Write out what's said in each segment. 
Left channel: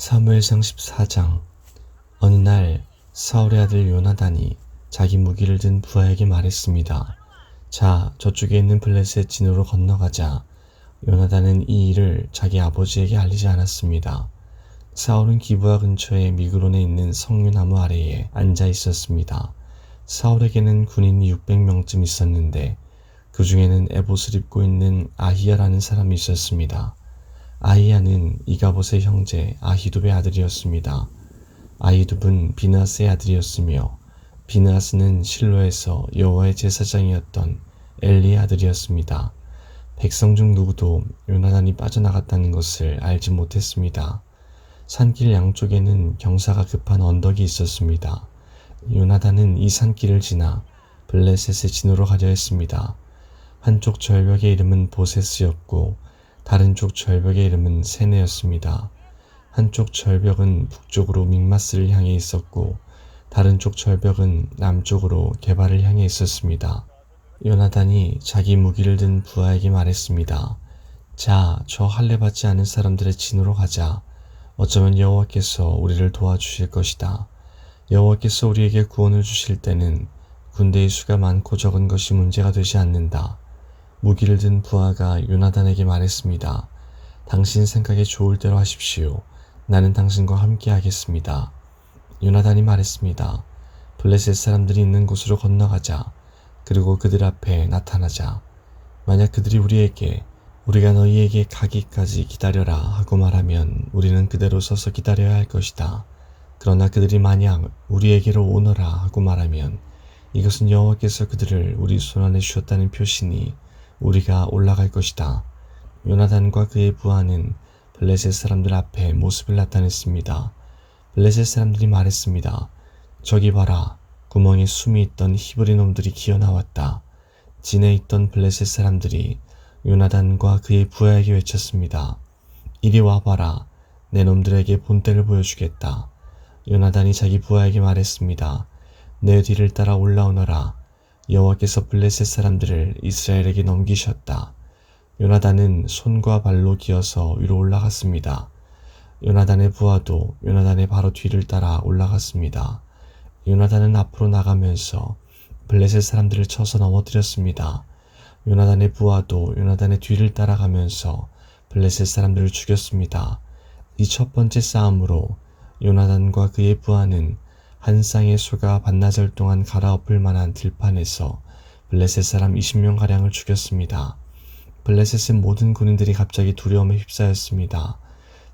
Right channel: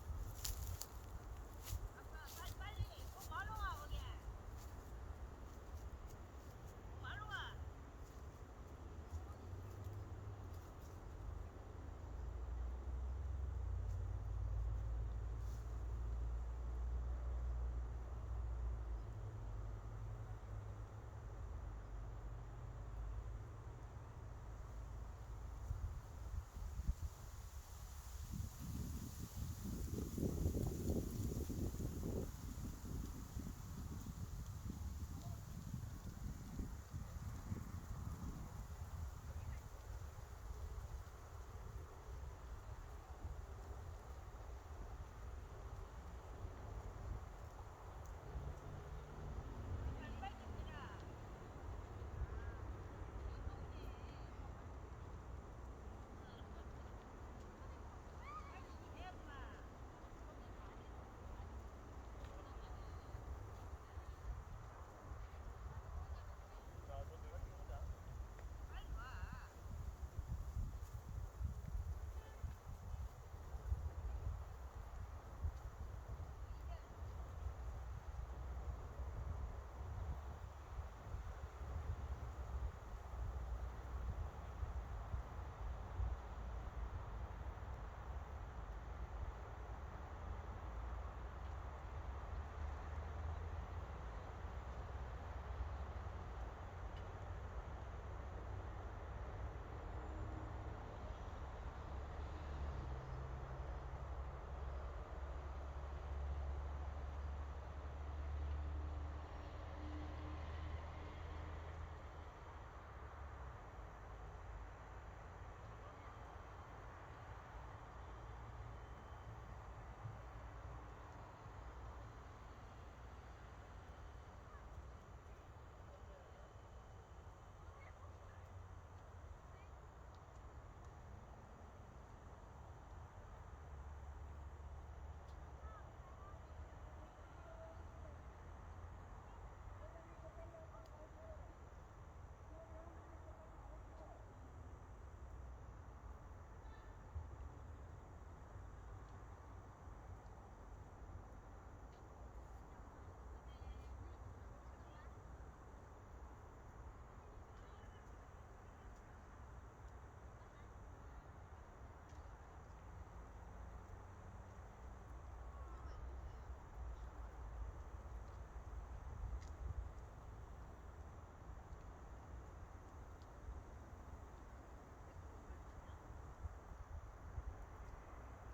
사무엘상 14장. 어느 날 사울의 아들 요나단이 자기 무기를 든 부하에게 말했습니다. 자, 저쪽에 있는 블레셋 진으로 건너가자. 요나단은 이 일을 자기 아버지에게 알리지 않았습니다. 사울은 기브아 근처의 미그론에 있는 석류나무 아래에 앉아 있었습니다. 사울에게는 군인이 600명쯤 있었는데 그 중에는 에봇을 입고 있는 아히야라는 사람이 있었습니다. 아히야는 이가봇의 형제 아히둡의 아들이었습니다. 아히둡은 비느하스의 아들이었으며 비느하스는 실로에서 여호와의 제사장이었던 엘리의 아들이었습니다. 백성 중 누구도 요나단이 빠져나갔다는 것을 알지 못했습니다. 산길 양쪽에는 경사가 급한 언덕이 있었습니다. 요나단은 이 산길을 지나 블레셋의 진으로 가려 했습니다. 한쪽 절벽의 이름은 보세스였고 다른 쪽 절벽의 이름은 세네였습니다. 한쪽 절벽은 북쪽으로 믹마스를 향해 있었고 다른 쪽 절벽은 남쪽으로 게발을 향해 있었습니다. 요나단이 자기 무기를 든 부하에게 말했습니다. 자, 저 할례 받지 않은 사람들의 진으로 가자. 어쩌면 여호와께서 우리를 도와주실 것이다. 여호와께서 우리에게 구원을 주실 때는 군대의 수가 많고 적은 것이 문제가 되지 않는다. 무기를 든 부하가 요나단에게 말했습니다. 당신 생각에 좋을 대로 하십시오. 나는 당신과 함께 하겠습니다. 요나단이 말했습니다. 블레셋 사람들이 있는 곳으로 건너가자. 그리고 그들 앞에 나타나자. 만약 그들이 우리가 너희에게 가기까지 기다려라 하고 말하면 우리는 그대로 서서 기다려야 할 것이다. 그러나 그들이 만약 우리에게로 오너라 하고 말하면 이것은 여호와께서 그들을 우리 손안에 주셨다는 표시니 우리가 올라갈 것이다. 요나단과 그의 부하는 블레셋 사람들 앞에 모습을 나타냈습니다. 블레셋 사람들이 말했습니다. 저기 봐라. 구멍에 숨이 있던 히브리 놈들이 기어나왔다. 진에 있던 블레셋 사람들이 요나단과 그의 부하에게 외쳤습니다. 이리 와봐라. 내 놈들에게 본때를 보여주겠다. 요나단이 자기 부하에게 말했습니다. 내 뒤를 따라 올라오너라. 여호와께서 블레셋 사람들을 이스라엘에게 넘기셨다. 요나단은 손과 발로 기어서 위로 올라갔습니다. 요나단의 부하도 요나단의 바로 뒤를 따라 올라갔습니다. 요나단은 앞으로 나가면서 블레셋 사람들을 쳐서 넘어뜨렸습니다. 요나단의 부하도 요나단의 뒤를 따라가면서 블레셋 사람들을 죽였습니다. 이 첫 번째 싸움으로 요나단과 그의 부하는 한 쌍의 소가 반나절 동안 갈아엎을 만한 들판에서 블레셋 사람 20명가량을 죽였습니다. 블레셋의 모든 군인들이 갑자기 두려움에 휩싸였습니다.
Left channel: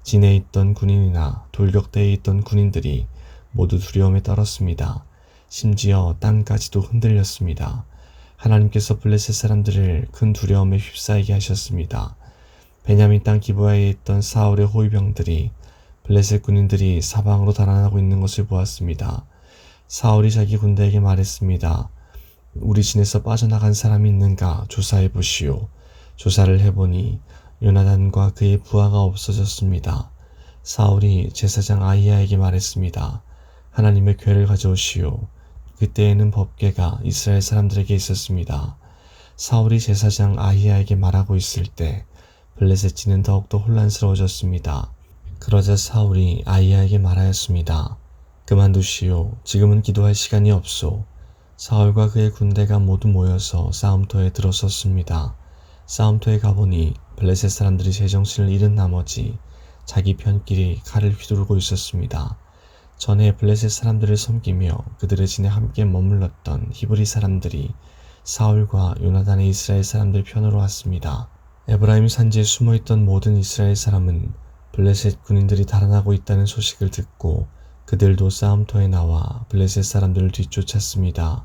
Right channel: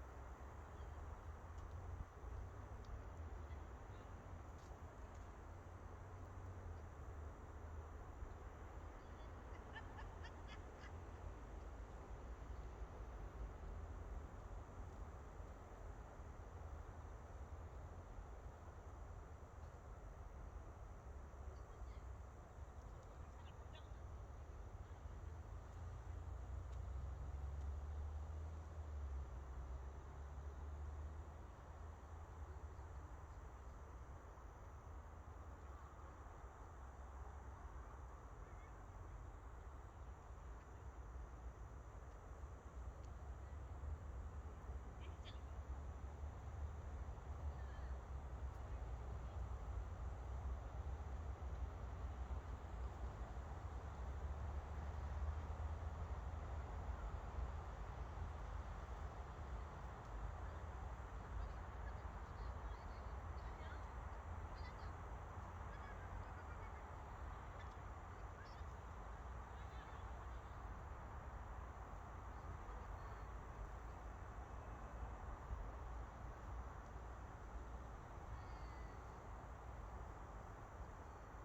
진에 있던 군인이나 돌격대에 있던 군인들이 모두 두려움에 떨었습니다. 심지어 땅까지도 흔들렸습니다. 하나님께서 블레셋 사람들을 큰 두려움에 휩싸이게 하셨습니다. 베냐민 땅 기브아에 있던 사울의 호위병들이 블레셋 군인들이 사방으로 달아나고 있는 것을 보았습니다. 사울이 자기 군대에게 말했습니다. 우리 진에서 빠져나간 사람이 있는가 조사해 보시오. 조사를 해보니 요나단과 그의 부하가 없어졌습니다. 사울이 제사장 아히야에게 말했습니다. 하나님의 궤를 가져오시오. 그때에는 법궤가 이스라엘 사람들에게 있었습니다. 사울이 제사장 아히야에게 말하고 있을 때 블레셋 진은 더욱더 혼란스러워졌습니다. 그러자 사울이 아히야에게 말하였습니다. 그만두시오. 지금은 기도할 시간이 없소. 사울과 그의 군대가 모두 모여서 싸움터에 들어섰습니다. 싸움터에 가보니 블레셋 사람들이 제정신을 잃은 나머지 자기 편끼리 칼을 휘두르고 있었습니다. 전에 블레셋 사람들을 섬기며 그들의 진에 함께 머물렀던 히브리 사람들이 사울과 요나단의 이스라엘 사람들 편으로 왔습니다. 에브라임 산지에 숨어있던 모든 이스라엘 사람은 블레셋 군인들이 달아나고 있다는 소식을 듣고 그들도 싸움터에 나와 블레셋 사람들을 뒤쫓았습니다.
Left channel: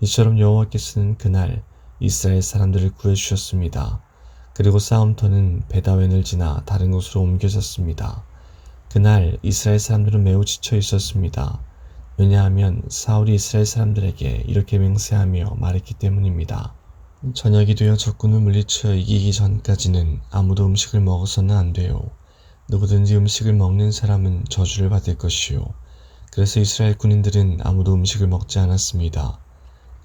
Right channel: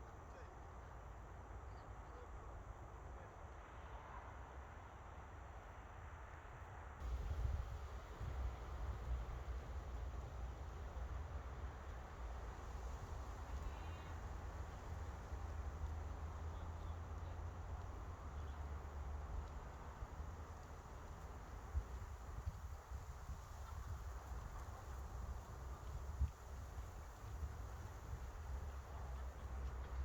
이처럼 여호와께서는 그날 이스라엘 사람들을 구해주셨습니다. 그리고 싸움터는 베다웬을 지나 다른 곳으로 옮겨졌습니다. 그날 이스라엘 사람들은 매우 지쳐 있었습니다. 왜냐하면 사울이 이스라엘 사람들에게 이렇게 맹세하며 말했기 때문입니다. 저녁이 되어 적군을 물리쳐 이기기 전까지는 아무도 음식을 먹어서는 안 돼요. 누구든지 음식을 먹는 사람은 저주를 받을 것이요. 그래서 이스라엘 군인들은 아무도 음식을 먹지 않았습니다.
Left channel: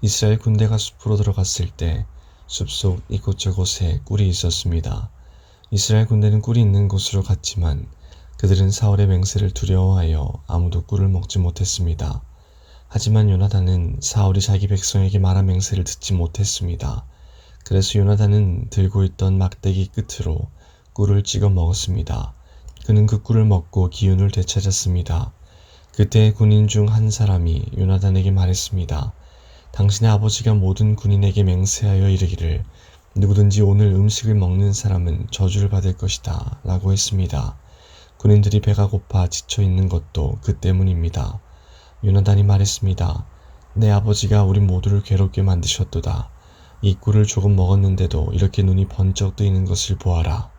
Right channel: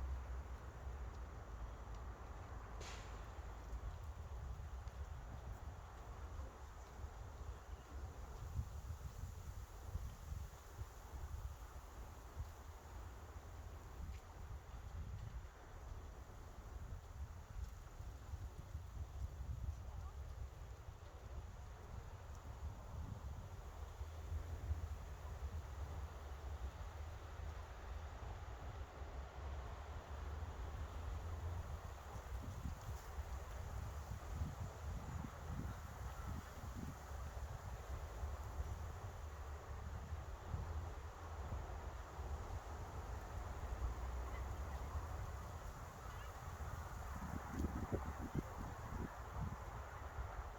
이스라엘 군대가 숲으로 들어갔을 때 숲속 이곳저곳에 꿀이 있었습니다. 이스라엘 군대는 꿀이 있는 곳으로 갔지만 그들은 사울의 맹세를 두려워하여 아무도 꿀을 먹지 못했습니다. 하지만 요나단은 사울이 자기 백성에게 말한 맹세를 듣지 못했습니다. 그래서 요나단은 들고 있던 막대기 끝으로 꿀을 찍어 먹었습니다. 그는 그 꿀을 먹고 기운을 되찾았습니다. 그때 군인 중 한 사람이 요나단에게 말했습니다. 당신의 아버지가 모든 군인에게 맹세하여 이르기를 누구든지 오늘 음식을 먹는 사람은 저주를 받을 것이다 라고 했습니다. 군인들이 배가 고파 지쳐 있는 것도 그 때문입니다. 요나단이 말했습니다. 내 아버지가 우리 모두를 괴롭게 만드셨도다. 이 꿀을 조금 먹었는데도 이렇게 눈이 번쩍 뜨이는 것을 보아라.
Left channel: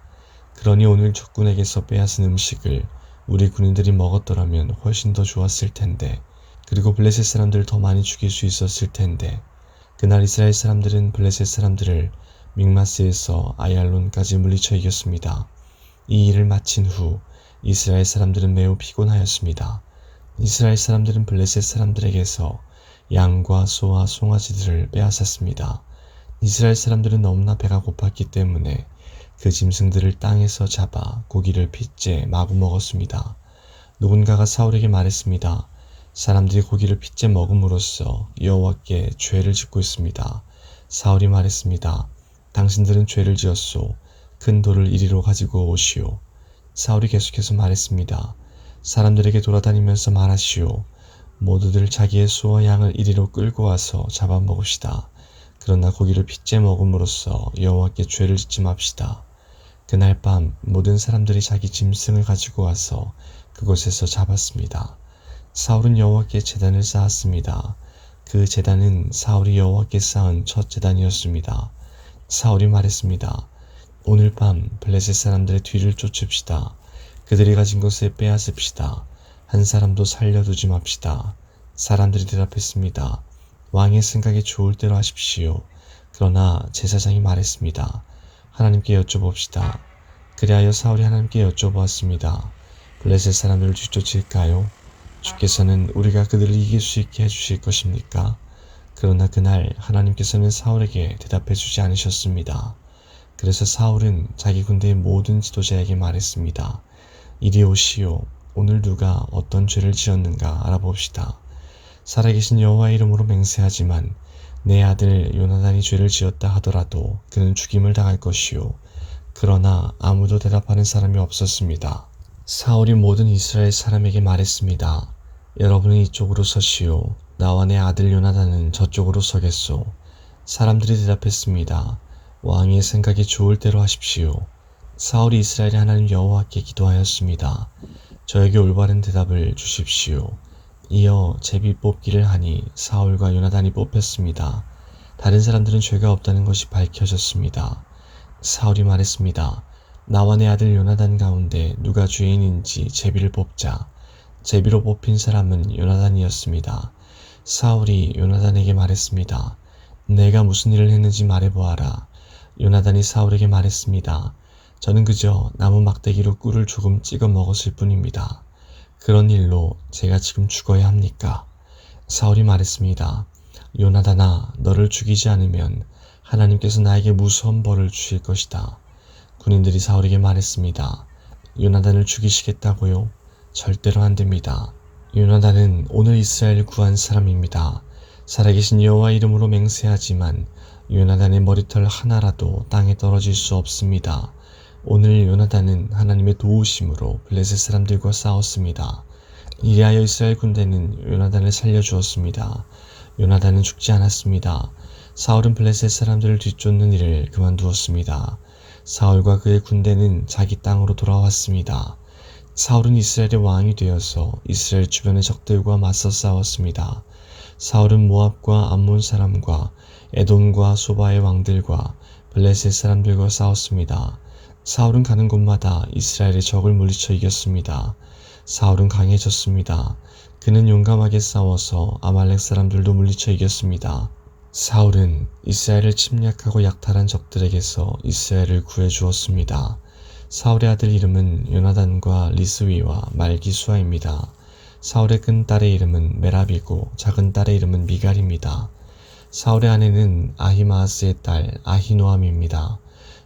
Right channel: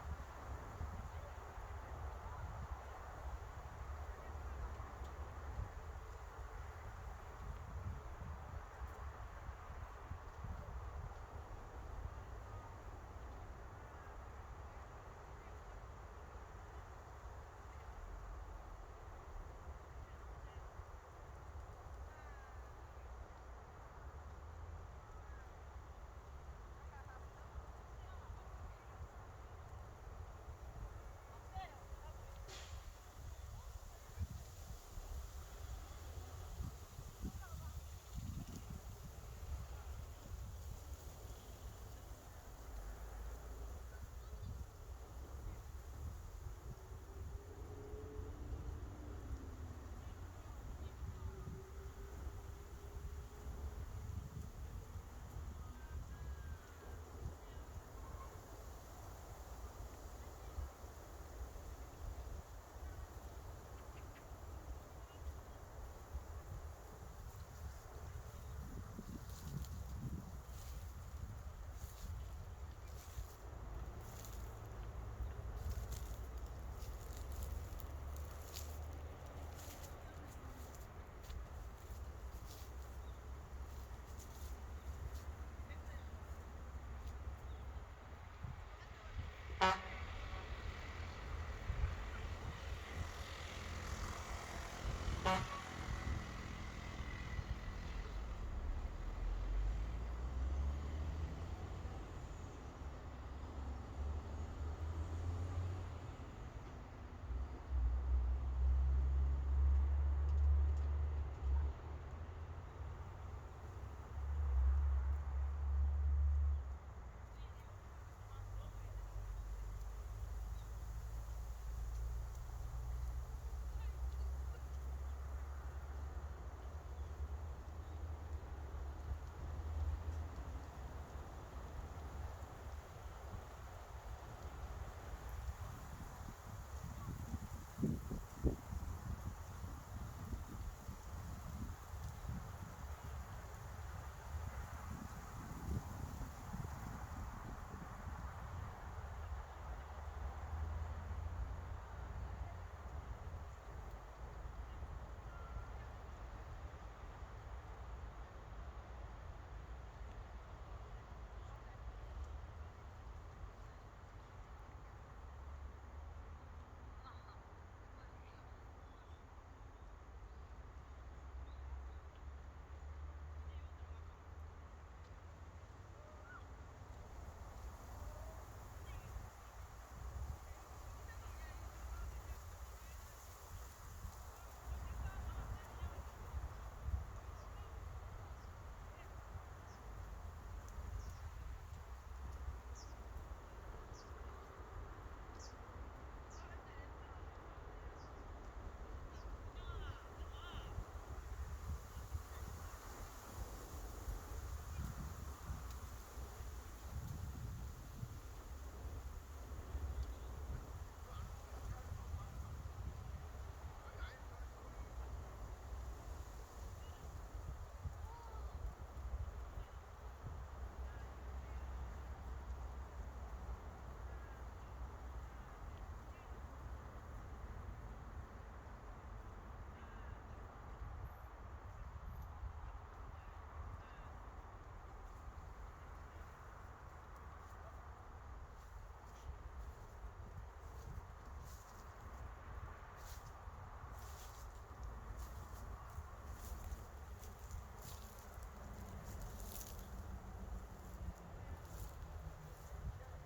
그러니 오늘 적군에게서 빼앗은 음식을 우리 군인들이 먹었더라면 훨씬 더 좋았을 텐데, 그리고 블레셋 사람들을 더 많이 죽일 수 있었을 텐데. 그날 이스라엘 사람들은 블레셋 사람들을 믹마스에서 아얄론까지 물리쳐 이겼습니다. 이 일을 마친 후 이스라엘 사람들은 매우 피곤하였습니다. 이스라엘 사람들은 블레셋 사람들에게서 양과 소와 송아지들을 빼앗았습니다. 이스라엘 사람들은 너무나 배가 고팠기 때문에 그 짐승들을 땅에서 잡아 고기를 핏째 마구 먹었습니다. 누군가가 사울에게 말했습니다. 사람들이 고기를 핏째 먹음으로써 여호와께 죄를 짓고 있습니다. 사울이 말했습니다. 당신들은 죄를 지었소. 큰 돌을 이리로 가지고 오시오. 사울이 계속해서 말했습니다. 사람들에게 돌아다니면서 말하시오. 모두들 자기의 소와 양을 이리로 끌고 와서 잡아먹읍시다. 그러나 고기를 핏째 먹음으로써 여호와께 죄를 짓지 맙시다. 그날 밤 모든 사람들이 자기 짐승을 가지고 와서 그곳에서 잡았습니다. 사울은 여호와께 제단을 쌓았습니다. 그 제단은 사울이 여호와께 쌓은 첫 제단이었습니다. 사울이 말했습니다. 오늘 밤 블레셋 사람들의 뒤를 쫓읍시다. 그들이 가진 것을 빼앗읍시다. 한 사람도 살려두지 맙시다. 사람들이 대답했습니다. 왕의 생각이 좋을 대로 하십시오. 그러나 제사장이 말했습니다. 하나님께 여쭤봅시다. 그리하여 사울이 하나님께 여쭤보았습니다. 블레셋 사람들을 뒤쫓을까요? 주께서는 우리가 그들을 이길 수 있게 해주실 것입니까? 그러나 그날 하나님께서는 사울에게 대답해 주지 않으셨습니다. 그래서 사울은 자기 군대의 모든 지도자에게 말했습니다. 이리 오시오. 오늘 누가 어떤 죄를 지었는가 알아봅시다. 살아계신 여호와의 이름으로 맹세하지만 내 아들 요나단이 죄를 지었다 하더라도 그는 죽임을 당할 것이요. 그러나 아무도 대답하는 사람이 없었습니다. 사울이 모든 이스라엘 사람에게 말했습니다. 여러분은 이쪽으로 서시오. 나와 내 아들 요나단은 저쪽으로 서겠소. 사람들이 대답했습니다. 왕의 생각이 좋을 대로 하십시오. 사울이 이스라엘의 하나님 여호와께 기도하였습니다. 저에게 올바른 대답을 주십시오. 이어 제비 뽑기를 하니 사울과 요나단이 뽑혔습니다. 다른 사람들은 죄가 없다는 것이 밝혀졌습니다. 사울이 말했습니다. 나와 내 아들 요나단 가운데 누가 죄인인지 제비를 뽑자. 제비로 뽑힌 사람은 요나단이었습니다. 사울이 요나단에게 말했습니다. 내가 무슨 일을 했는지 말해보아라. 요나단이 사울에게 말했습니다. 저는 그저 나무 막대기로 꿀을 조금 찍어 먹었을 뿐입니다. 그런 일로 제가 지금 죽어야 합니까? 사울이 말했습니다. 요나단아, 너를 죽이지 않으면 하나님께서 나에게 무서운 벌을 주실 것이다. 군인들이 사울에게 말했습니다. 요나단을 죽이시겠다고요? 절대로 안 됩니다. 요나단은 오늘 이스라엘을 구한 사람입니다. 살아계신 여호와 이름으로 맹세하지만 요나단의 머리털 하나라도 땅에 떨어질 수 없습니다. 오늘 요나단은 하나님의 도우심으로 블레셋 사람들과 싸웠습니다. 이리하여 이스라엘 군대는 요나단을 살려주었습니다. 요나단은 죽지 않았습니다. 사울은 블레셋 사람들을 뒤쫓는 일을 그만두었습니다. 사울과 그의 군대는 자기 땅으로 돌아왔습니다. 사울은 이스라엘의 왕이 되어서 이스라엘 주변의 적들과 맞서 싸웠습니다. 사울은 모압과 암몬 사람과 에돔과 소바의 왕들과 블레셋 사람들과 싸웠습니다. 사울은 가는 곳마다 이스라엘의 적을 물리쳐 이겼습니다. 사울은 강해졌습니다. 그는 용감하게 싸워서 아말렉 사람들도 물리쳐 이겼습니다. 사울은 이스라엘을 침략하고 약탈한 적들에게서 이스라엘을 구해주었습니다. 사울의 아들 이름은 요나단과 리스위와 말기수아입니다. 사울의 큰 딸의 이름은 메랍이고 작은 딸의 이름은 미갈입니다. 사울의 아내는 아히마아스의 딸 아히노암입니다.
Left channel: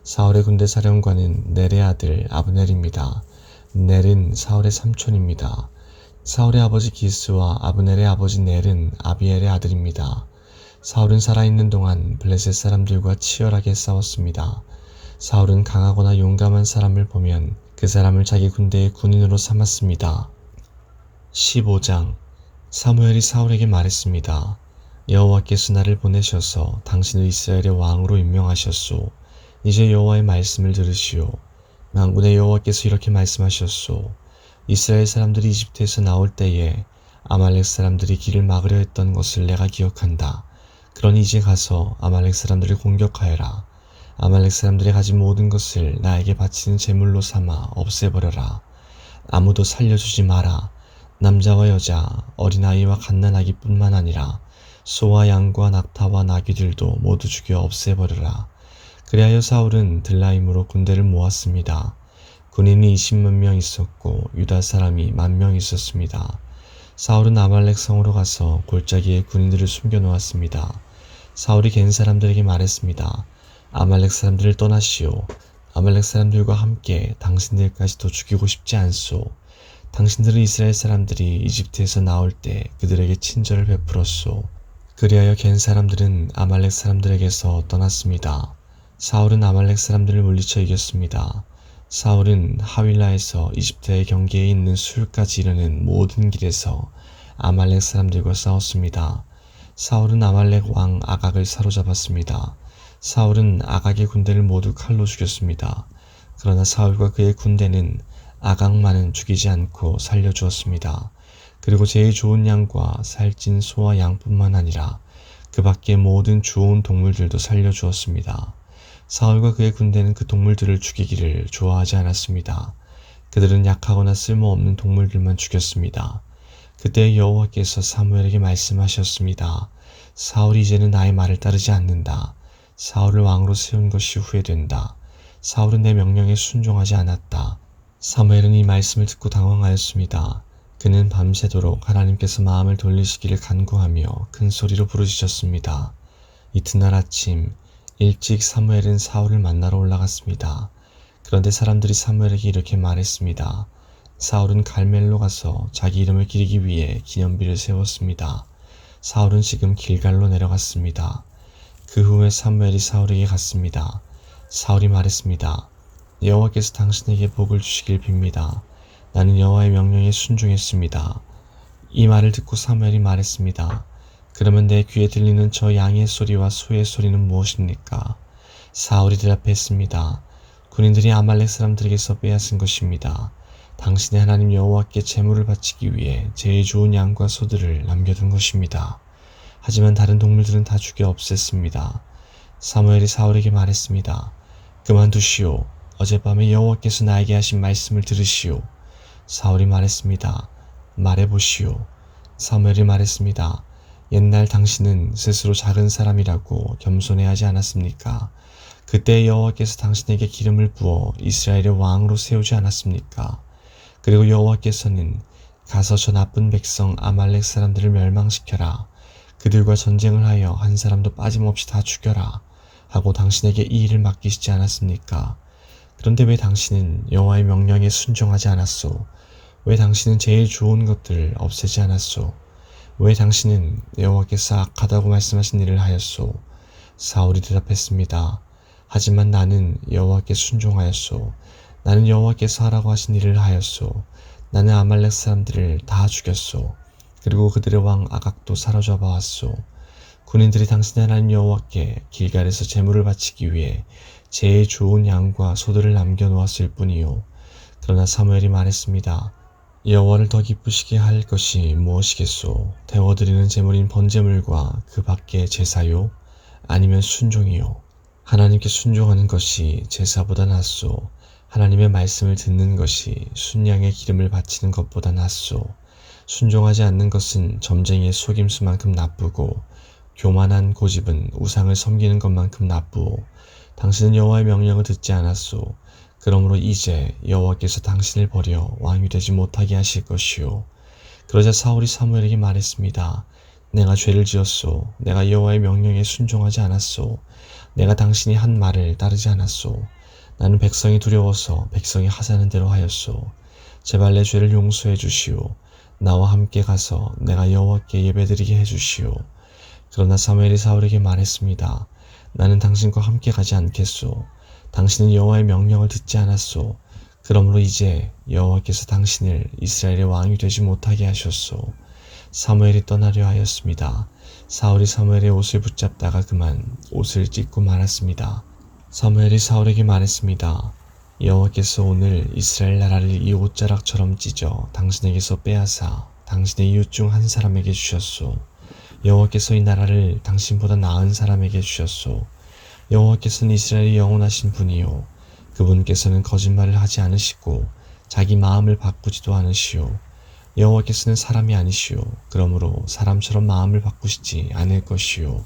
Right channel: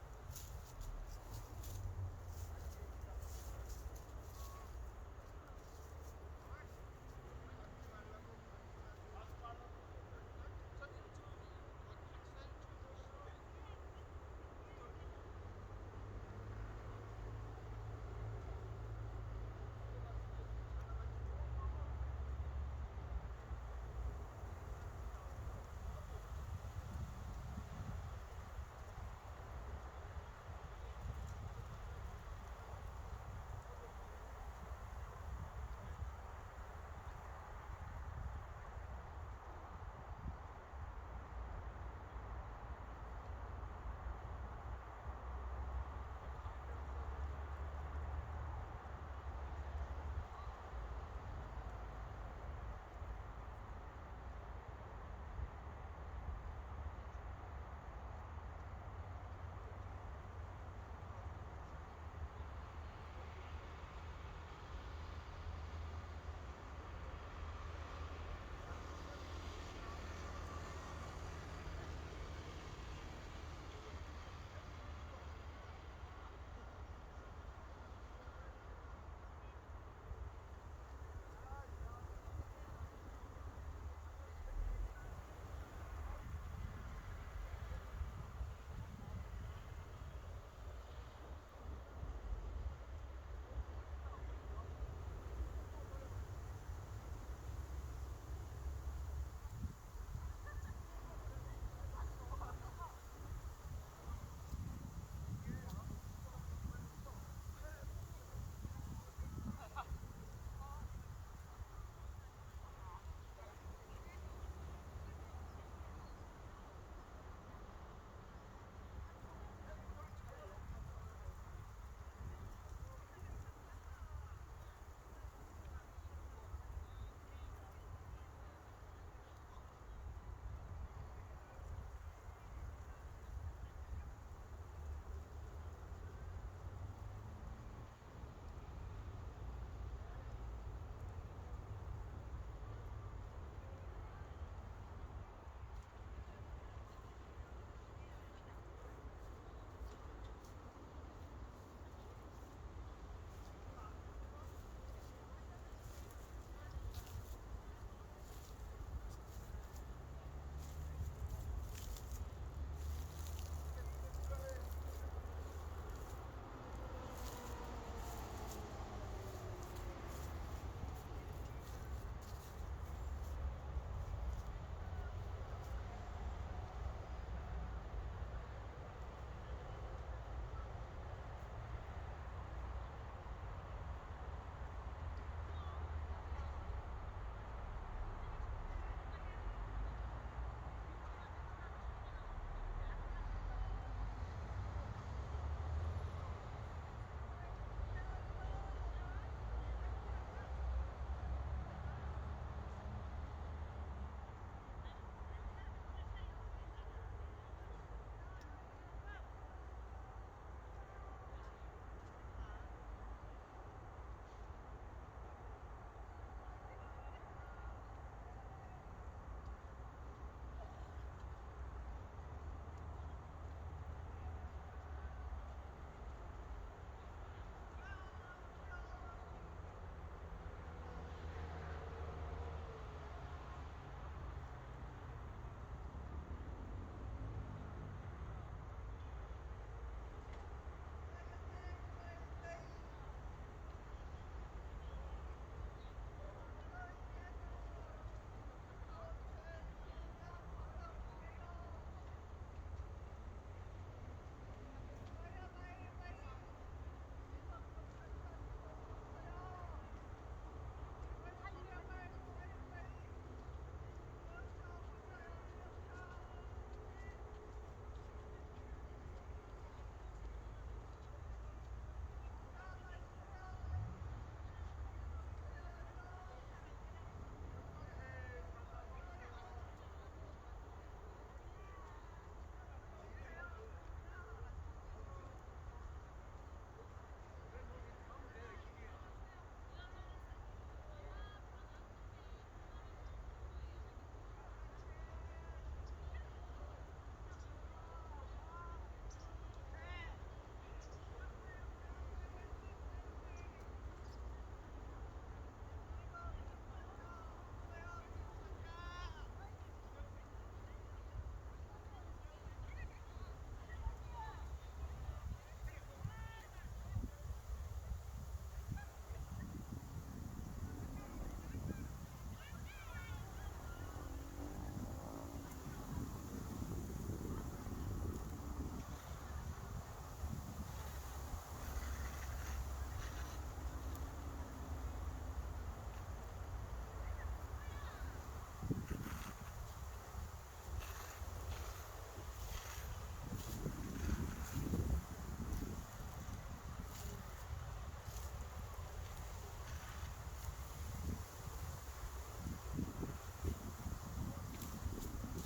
사울의 군대 사령관은 넬의 아들 아브넬입니다. 넬은 사울의 삼촌입니다. 사울의 아버지 기스와 아브넬의 아버지 넬은 아비엘의 아들입니다. 사울은 살아있는 동안 블레셋 사람들과 치열하게 싸웠습니다. 사울은 강하거나 용감한 사람을 보면 그 사람을 자기 군대의 군인으로 삼았습니다. 15장. 사무엘이 사울에게 말했습니다. 여호와께서 나를 보내셔서 당신을 이스라엘의 왕으로 임명하셨소. 이제 여호와의 말씀을 들으시오. 만군의 여호와께서 이렇게 말씀하셨소. 이스라엘 사람들이 이집트에서 나올 때에 아말렉 사람들이 길을 막으려 했던 것을 내가 기억한다. 그러니 이제 가서 아말렉 사람들을 공격하여라. 아말렉 사람들이 가진 모든 것을 나에게 바치는 제물로 삼아 없애버려라. 아무도 살려주지 마라. 남자와 여자, 어린아이와 갓난아기뿐만 아니라 소와 양과 낙타와 나귀들도 모두 죽여 없애버려라. 그리하여 사울은 들라임으로 군대를 모았습니다. 군인이 20만 명 있었고 유다 사람이 10,000명 있었습니다. 사울은 아말렉 성으로 가서 골짜기에 군인들을 숨겨놓았습니다. 사울이 갠 사람들에게 말했습니다. 아말렉 사람들을 떠나시오. 아말렉 사람들과 함께 당신들까지도 죽이고 싶지 않소. 당신들은 이스라엘 사람들이 이집트에서 나올 때 그들에게 친절을 베풀었소. 그리하여 갠 사람들은 아말렉 사람들에게서 떠났습니다. 사울은 아말렉 사람들을 물리쳐 이겼습니다. 사울은 하윌라에서 이집트의 경계에 있는 술까지 이르는 모든 길에서 아말렉 사람들과 싸웠습니다. 사울은 아말렉 왕 아각을 사로잡았습니다. 사울은 아각의 군대를 모두 칼로 죽였습니다. 그러나 사울과 그의 군대는 아각만은 죽이지 않고 살려주었습니다. 그리고 제일 좋은 양과 살찐 소와 양뿐만 아니라 그 밖의 모든 좋은 동물들도 살려주었습니다. 사울과 그의 군대는 그 동물들을 죽이기를 좋아하지 않았습니다. 그들은 약하거나 쓸모없는 동물들만 죽였습니다. 그때 여호와께서 사무엘에게 말씀하셨습니다. 사울이 이제는 나의 말을 따르지 않는다. 사울을 왕으로 세운 것이 후회된다. 사울은 내 명령에 순종하지 않았다. 사무엘은 이 말씀을 듣고 당황하였습니다. 그는 밤새도록 하나님께서 마음을 돌리시기를 간구하며 큰 소리로 부르짖었습니다. 이튿날 아침 일찍 사무엘은 사울을 만나러 올라갔습니다. 그런데 사람들이 사무엘에게 이렇게 말했습니다. 사울은 갈멜로 가서 자기 이름을 기리기 위해 기념비를 세웠습니다. 사울은 지금 길갈로 내려갔습니다. 그 후에 사무엘이 사울에게 갔습니다. 사울이 말했습니다. 여호와께서 당신에게 복을 주시길 빕니다. 나는 여호와의 명령에 순종했습니다. 이 말을 듣고 사무엘이 말했습니다. 그러면 내 귀에 들리는 저 양의 소리와 소의 소리는 무엇입니까? 사울이 대답했습니다. 군인들이 아말렉 사람들에게서 빼앗은 것입니다. 당신의 하나님 여호와께 제물을 바치기 위해 제일 좋은 양과 소들을 남겨둔 것입니다. 하지만 다른 동물들은 다 죽여 없앴습니다. 사무엘이 사울에게 말했습니다. 그만두시오. 어젯밤에 여호와께서 나에게 하신 말씀을 들으시오. 사울이 말했습니다. 말해보시오. 사무엘이 말했습니다. 옛날 당신은 스스로 작은 사람이라고 겸손해하지 않았습니까? 그때 여호와께서 당신에게 기름을 부어 이스라엘의 왕으로 세우지 않았습니까? 그리고 여호와께서는 가서 저 나쁜 백성 아말렉 사람들을 멸망시켜라. 그들과 전쟁을 하여 한 사람도 빠짐없이 다 죽여라. 하고 당신에게 이 일을 맡기시지 않았습니까? 그런데 왜 당신은 여호와의 명령에 순종하지 않았소? 왜 당신은 제일 좋은 것들을 없애지 않았소? 왜 당신은 여호와께서 악하다고 말씀하신 일을 하였소? 사울이 대답했습니다. 하지만 나는 여호와께 순종하였소. 나는 여호와께서 하라고 하신 일을 하였소. 나는 아말렉 사람들을 다 죽였소. 그리고 그들의 왕 아각도 사로잡아 왔소. 군인들이 당신의 하나님 여호와께 길갈에서 제물을 바치기 위해 제일 좋은 양과 소들을 남겨놓았을 뿐이요. 그러나 사무엘이 말했습니다. 여호와를 더 기쁘시게 할 것이 무엇이겠소? 데워드리는 제물인 번제물과 그 밖의 제사요? 아니면 순종이요? 하나님께 순종하는 것이 제사보다 낫소. 하나님의 말씀을 듣는 것이 순양의 기름을 바치는 것보다 낫소. 순종하지 않는 것은 점쟁이의 속임수만큼 나쁘고 교만한 고집은 우상을 섬기는 것만큼 나쁘오. 당신은 여호와의 명령을 듣지 않았소. 그러므로 이제 여호와께서 당신을 버려 왕이 되지 못하게 하실 것이요. 그러자 사울이 사무엘에게 말했습니다. 내가 죄를 지었소. 내가 여호와의 명령에 순종하지 않았소. 내가 당신이 한 말을 따르지 않았소. 나는 백성이 두려워서 백성이 하자는 대로 하였소. 제발 내 죄를 용서해 주시오. 나와 함께 가서 내가 여호와께 예배드리게 해 주시오. 그러나 사무엘이 사울에게 말했습니다. 나는 당신과 함께 가지 않겠소. 당신은 여호와의 명령을 듣지 않았소. 그러므로 이제 여호와께서 당신을 이스라엘의 왕이 되지 못하게 하셨소. 사무엘이 떠나려 하였습니다. 사울이 사무엘의 옷을 붙잡다가 그만 옷을 찢고 말았습니다. 사무엘이 사울에게 말했습니다. 여호와께서 오늘 이스라엘 나라를 이 옷자락처럼 찢어 당신에게서 빼앗아 당신의 이웃 중 한 사람에게 주셨소. 여호와께서 이 나라를 당신보다 나은 사람에게 주셨소. 여호와께서는 이스라엘이 영원하신 분이요 그분께서는 거짓말을 하지 않으시고 자기 마음을 바꾸지도 않으시오. 여호와께서는 사람이 아니시오. 그러므로 사람처럼 마음을 바꾸시지 않을 것이오.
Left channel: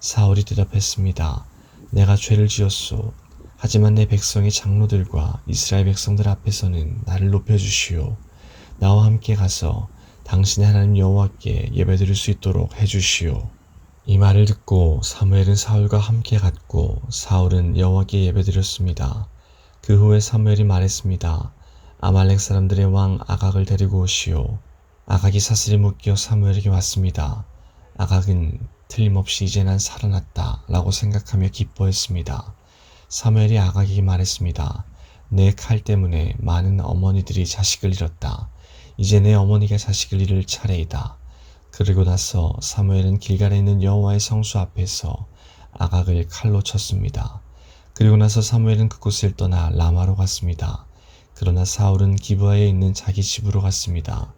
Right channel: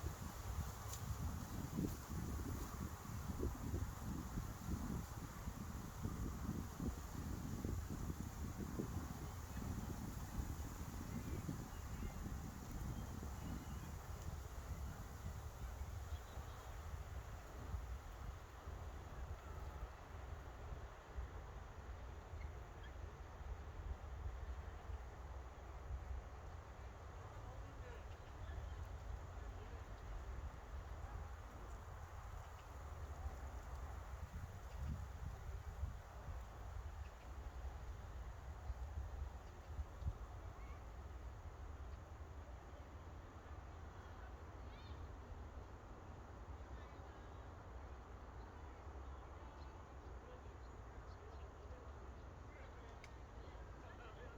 사울이 대답했습니다. 내가 죄를 지었소. 하지만 내 백성의 장로들과 이스라엘 백성들 앞에서는 나를 높여주시오. 나와 함께 가서 당신의 하나님 여호와께 예배드릴 수 있도록 해주시오. 이 말을 듣고 사무엘은 사울과 함께 갔고 사울은 여호와께 예배드렸습니다. 그 후에 사무엘이 말했습니다. 아말렉 사람들의 왕 아각을 데리고 오시오. 아각이 사슬에 묶여 사무엘에게 왔습니다. 아각은 틀림없이 이제 난 살아났다 라고 생각하며 기뻐했습니다. 사무엘이 아각에게 말했습니다. 내 칼 때문에 많은 어머니들이 자식을 잃었다. 이제 내 어머니가 자식을 잃을 차례이다. 그리고 나서 사무엘은 길갈에 있는 여호와의 성수 앞에서 아각을 칼로 쳤습니다. 그리고 나서 사무엘은 그곳을 떠나 라마로 갔습니다. 그러나 사울은 기브아에 있는 자기 집으로 갔습니다.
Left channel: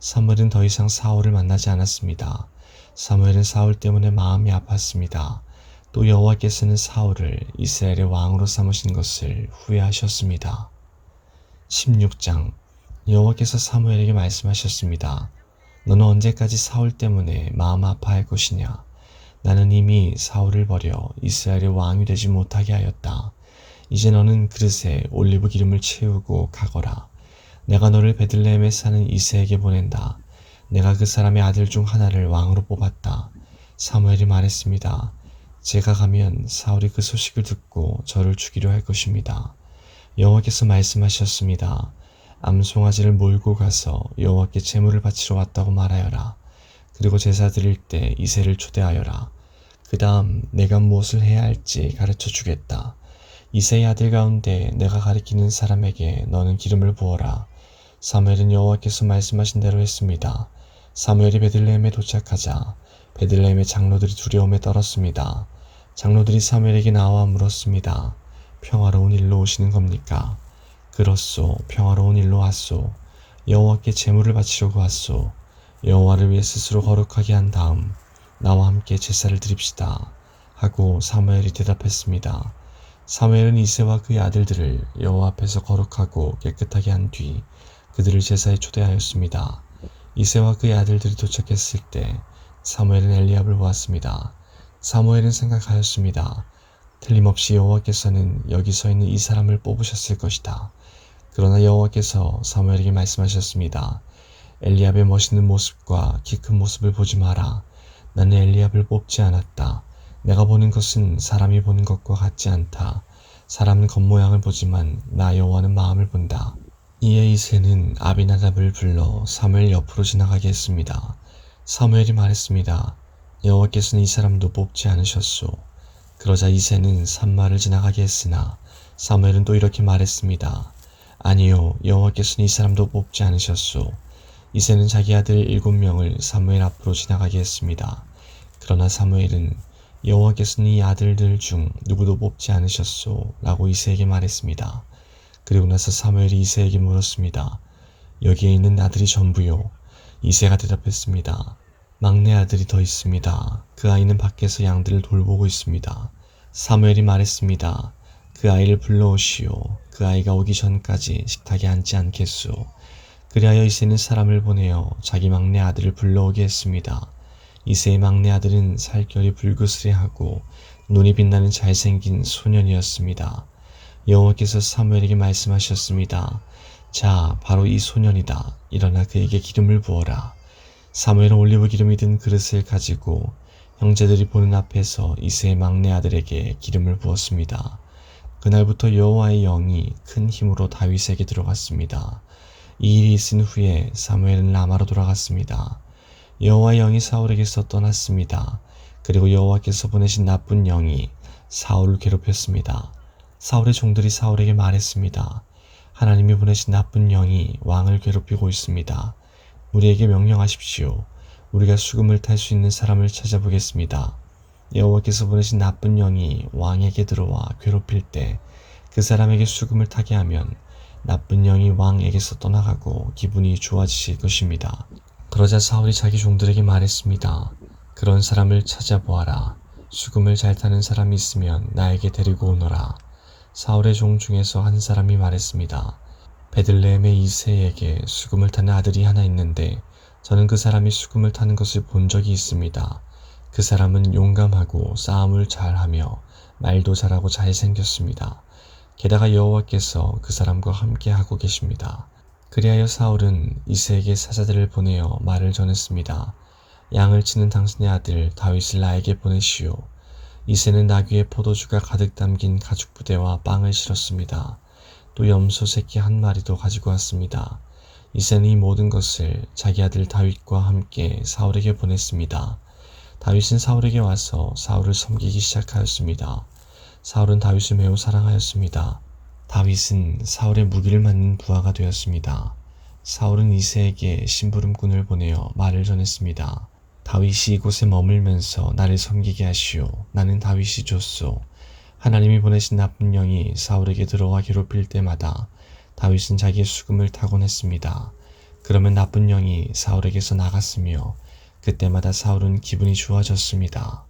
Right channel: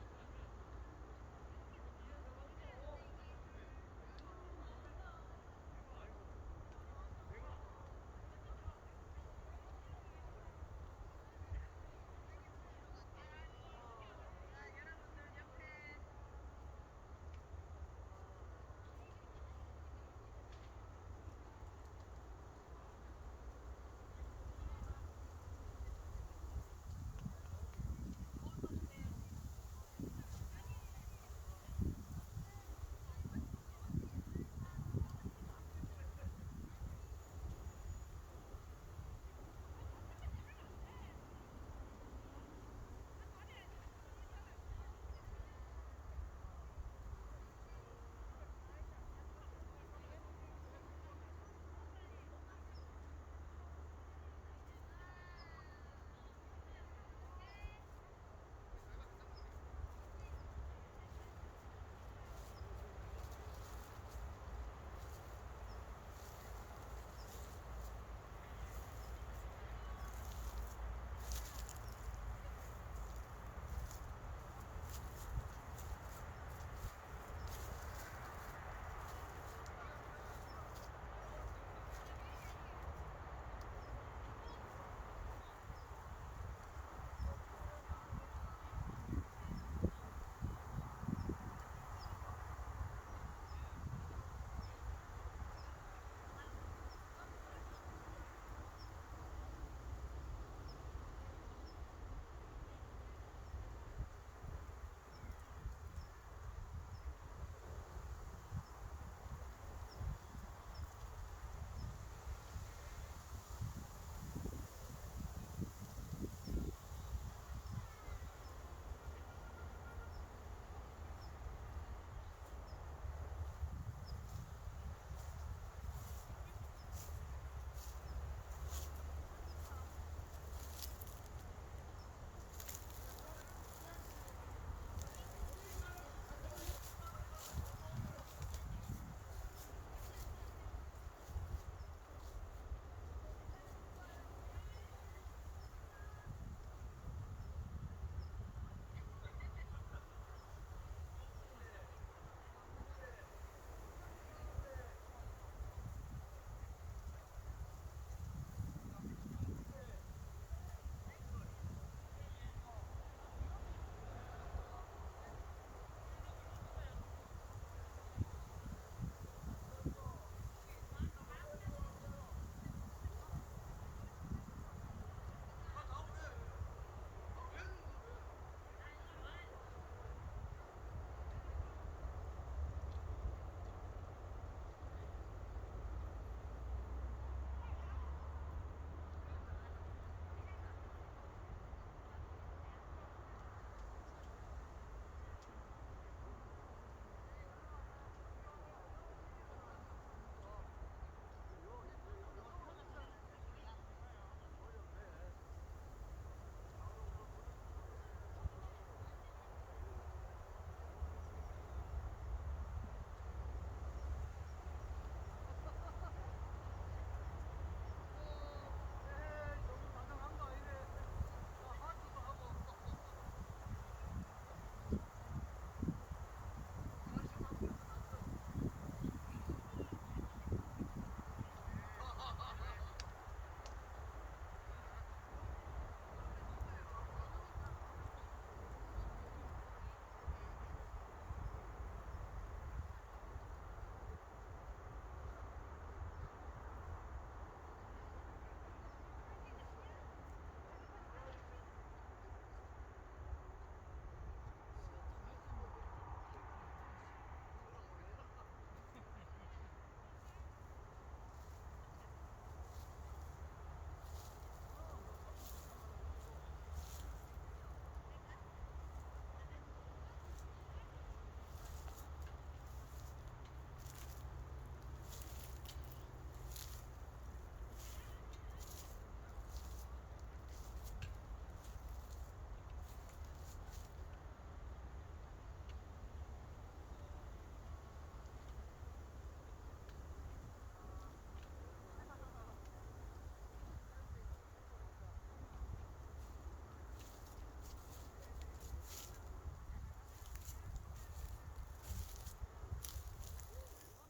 사무엘은 더 이상 사울을 만나지 않았습니다. 사무엘은 사울 때문에 마음이 아팠습니다. 또 여호와께서는 사울을 이스라엘의 왕으로 삼으신 것을 후회하셨습니다. 16장 여호와께서 사무엘에게 말씀하셨습니다. 너는 언제까지 사울 때문에 마음 아파할 것이냐? 나는 이미 사울을 버려 이스라엘의 왕이 되지 못하게 하였다. 이제 너는 그릇에 올리브 기름을 채우고 가거라. 내가 너를 베들레헴에 사는 이새에게 보낸다. 내가 그 사람의 아들 중 하나를 왕으로 뽑았다. 사무엘이 말했습니다. 제가 가면 사울이 그 소식을 듣고 저를 죽이려 할 것입니다. 여호와께서 말씀하셨습니다. 암송아지를 몰고 가서 여호와께 제물을 바치러 왔다고 말하여라. 그리고 제사 드릴 때 이새를 초대하여라. 그 다음 내가 무엇을 해야 할지 가르쳐 주겠다. 이새의 아들 가운데 내가 가리키는 사람에게 너는 기름을 부어라. 사무엘은 여호와께서 말씀하신 대로 했습니다. 사무엘이 베들레헴에 도착하자 베들레헴의 장로들이 두려움에 떨었습니다. 장로들이 사무엘에게 나와 물었습니다. 평화로운 일로 오시는 겁니까? 그렇소. 평화로운 일로 왔소. 여호와께 제물을 바치려고 왔소. 여호와를 위해 스스로 거룩하게 한 다음 나와 함께 제사를 드립시다. 하고 사무엘이 대답했습니다. 사무엘은 이새와 그의 아들들을 여호와 앞에서 거룩하고 깨끗하게 한 뒤 그들을 제사에 초대하였습니다. 이새와 그의 아들들이 도착했을 때 사무엘은 엘리압을 보았습니다. 사무엘은 생각하였습니다. 틀림없이 여호와께서는 여기 서 있는 이 사람을 뽑으셨을 것이다. 그러나 여호와께서 사무엘에게 말씀하셨습니다. 엘리압의 멋있는 모습과 키 큰 모습을 보지 마라. 나는 엘리압을 뽑지 않았다. 내가 보는 것은 사람이 보는 것과 같지 않다. 사람은 겉모양을 보지만 나 여호와는 마음을 본다. 이에 이새는 아비나답을 불러 사무엘 옆으로 지나가게 했습니다. 사무엘이 말했습니다. 여호와께서는 이 사람도 뽑지 않으셨소. 그러자 이새는 산마를 지나가게 했으나 사무엘은 또 이렇게 말했습니다. 아니요, 여호와께서는 이 사람도 뽑지 않으셨소. 이새는 자기 아들 7명을 사무엘 앞으로 지나가게 했습니다. 그러나 사무엘은 여호와께서는 이 아들들 중 누구도 뽑지 않으셨소 라고 이새에게 말했습니다. 그리고 나서 사무엘이 이새에게 물었습니다. 여기에 있는 아들이 전부요. 이새가 대답했습니다. 막내 아들이 더 있습니다. 그 아이는 밖에서 양들을 돌보고 있습니다. 사무엘이 말했습니다. 그 아이를 불러오시오. 그 아이가 오기 전까지 식탁에 앉지 않겠소. 그리하여 이새는 사람을 보내어 자기 막내 아들을 불러오게 했습니다. 이새의 막내 아들은 살결이 불그스레하고 눈이 빛나는 잘생긴 소년이었습니다. 여호와께서 사무엘에게 말씀하셨습니다. 자, 바로 이 소년이다. 일어나 그에게 기름을 부어라. 사무엘은 올리브 기름이 든 그릇을 가지고 형제들이 보는 앞에서 이새의 막내 아들에게 기름을 부었습니다. 그날부터 여호와의 영이 큰 힘으로 다윗에게 들어갔습니다. 이 일이 있은 후에 사무엘은 라마로 돌아갔습니다. 여호와의 영이 사울에게서 떠났습니다. 그리고 여호와께서 보내신 나쁜 영이 사울을 괴롭혔습니다. 사울의 종들이 사울에게 말했습니다. 하나님이 보내신 나쁜 영이 왕을 괴롭히고 있습니다. 우리에게 명령하십시오. 우리가 수금을 탈 수 있는 사람을 찾아보겠습니다. 여호와께서 보내신 나쁜 영이 왕에게 들어와 괴롭힐 때 그 사람에게 수금을 타게 하면 나쁜 영이 왕에게서 떠나가고 기분이 좋아지실 것입니다. 그러자 사울이 자기 종들에게 말했습니다. 그런 사람을 찾아보아라. 수금을 잘 타는 사람이 있으면 나에게 데리고 오너라. 사울의 종 중에서 한 사람이 말했습니다. 베들레헴의 이새에게 수금을 타는 아들이 하나 있는데 저는 그 사람이 수금을 타는 것을 본 적이 있습니다. 그 사람은 용감하고 싸움을 잘하며 말도 잘하고 잘생겼습니다. 게다가 여호와께서 그 사람과 함께 하고 계십니다. 그리하여 사울은 이새에게 사자들을 보내어 말을 전했습니다. 양을 치는 당신의 아들 다윗을 나에게 보내시오. 이새는 나귀에 포도주가 가득 담긴 가죽 부대와 빵을 실었습니다. 또 염소 새끼 한 마리도 가지고 왔습니다. 이새는 이 모든 것을 자기 아들 다윗과 함께 사울에게 보냈습니다. 다윗은 사울에게 와서 사울을 섬기기 시작하였습니다. 사울은 다윗을 매우 사랑하였습니다. 다윗은 사울의 무기를 맞는 부하가 되었습니다. 사울은 이새에게 심부름꾼을 보내어 말을 전했습니다. 다윗이 이곳에 머물면서 나를 섬기게 하시오. 나는 다윗이 좋소. 하나님이 보내신 나쁜 영이 사울에게 들어와 괴롭힐 때마다 다윗은 자기의 수금을 타곤 했습니다. 그러면 나쁜 영이 사울에게서 나갔으며 그때마다 사울은 기분이 좋아졌습니다.